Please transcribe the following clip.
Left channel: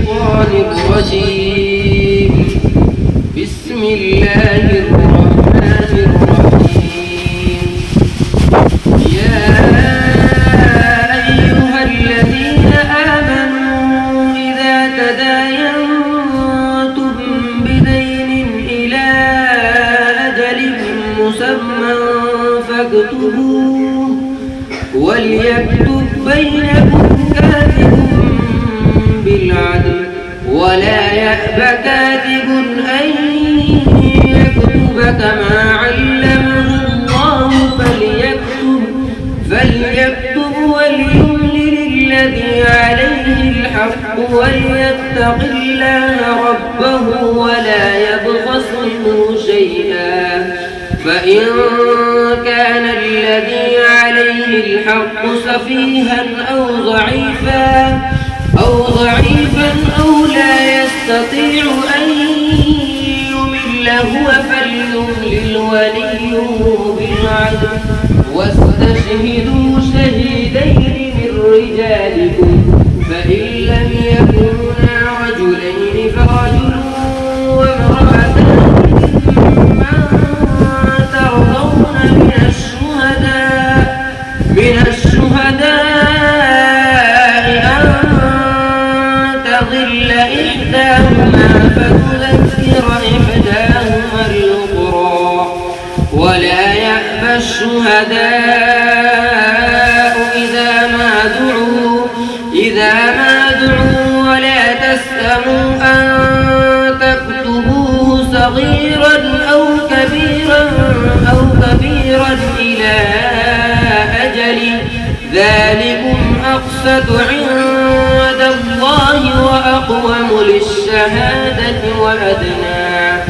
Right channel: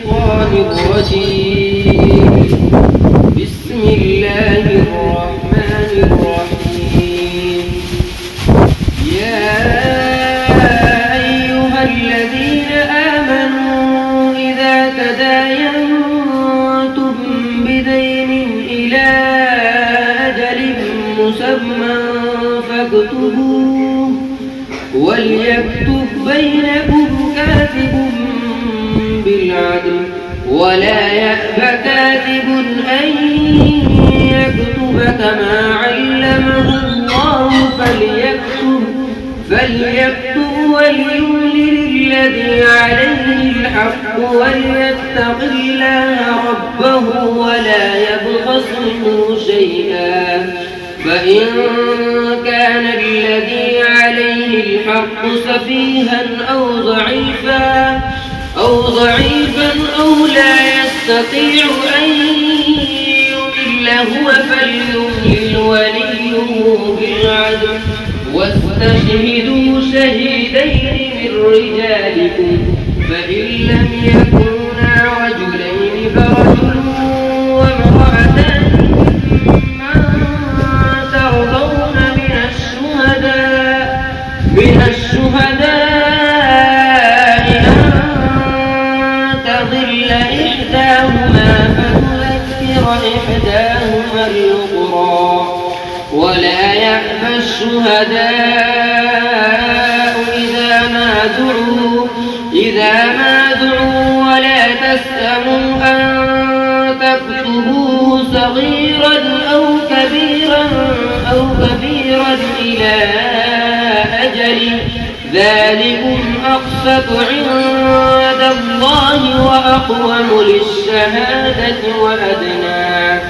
الشيطان الرجيم. بسم الله الرحمن الرحيم. يا أيها الذين آمنوا إذا تداينتم بدين إلى أجل مسمى فاكتبوه وليكتب بينكم كاتب بالعدل ولا يأب كاتب أن يكتب كما علمه الله فليكتب وليملل الذي عليه الحق وليتق الله ربه ولا يبخس منه شيئا فإن كان الذي عليه الحق سفيها أو ضعيفا أو لا يستطيع أن يمل هو فليملل وليه بالعدل واستشهدوا شهيدين من رجالكم فإن لم يكونا رجلين فرجل وامرأتان ممن ترضون من الشهداء أن تضل إحداهما فتذكر إحداهما الأخرى ولا يأبى الشهداء إذا ما دعوا ولا تسأموا أن تكتبوه صغيرا أو كبيرا إلى أجل ذلكم أقسط عند الله وأقوم للشهادة وأدنى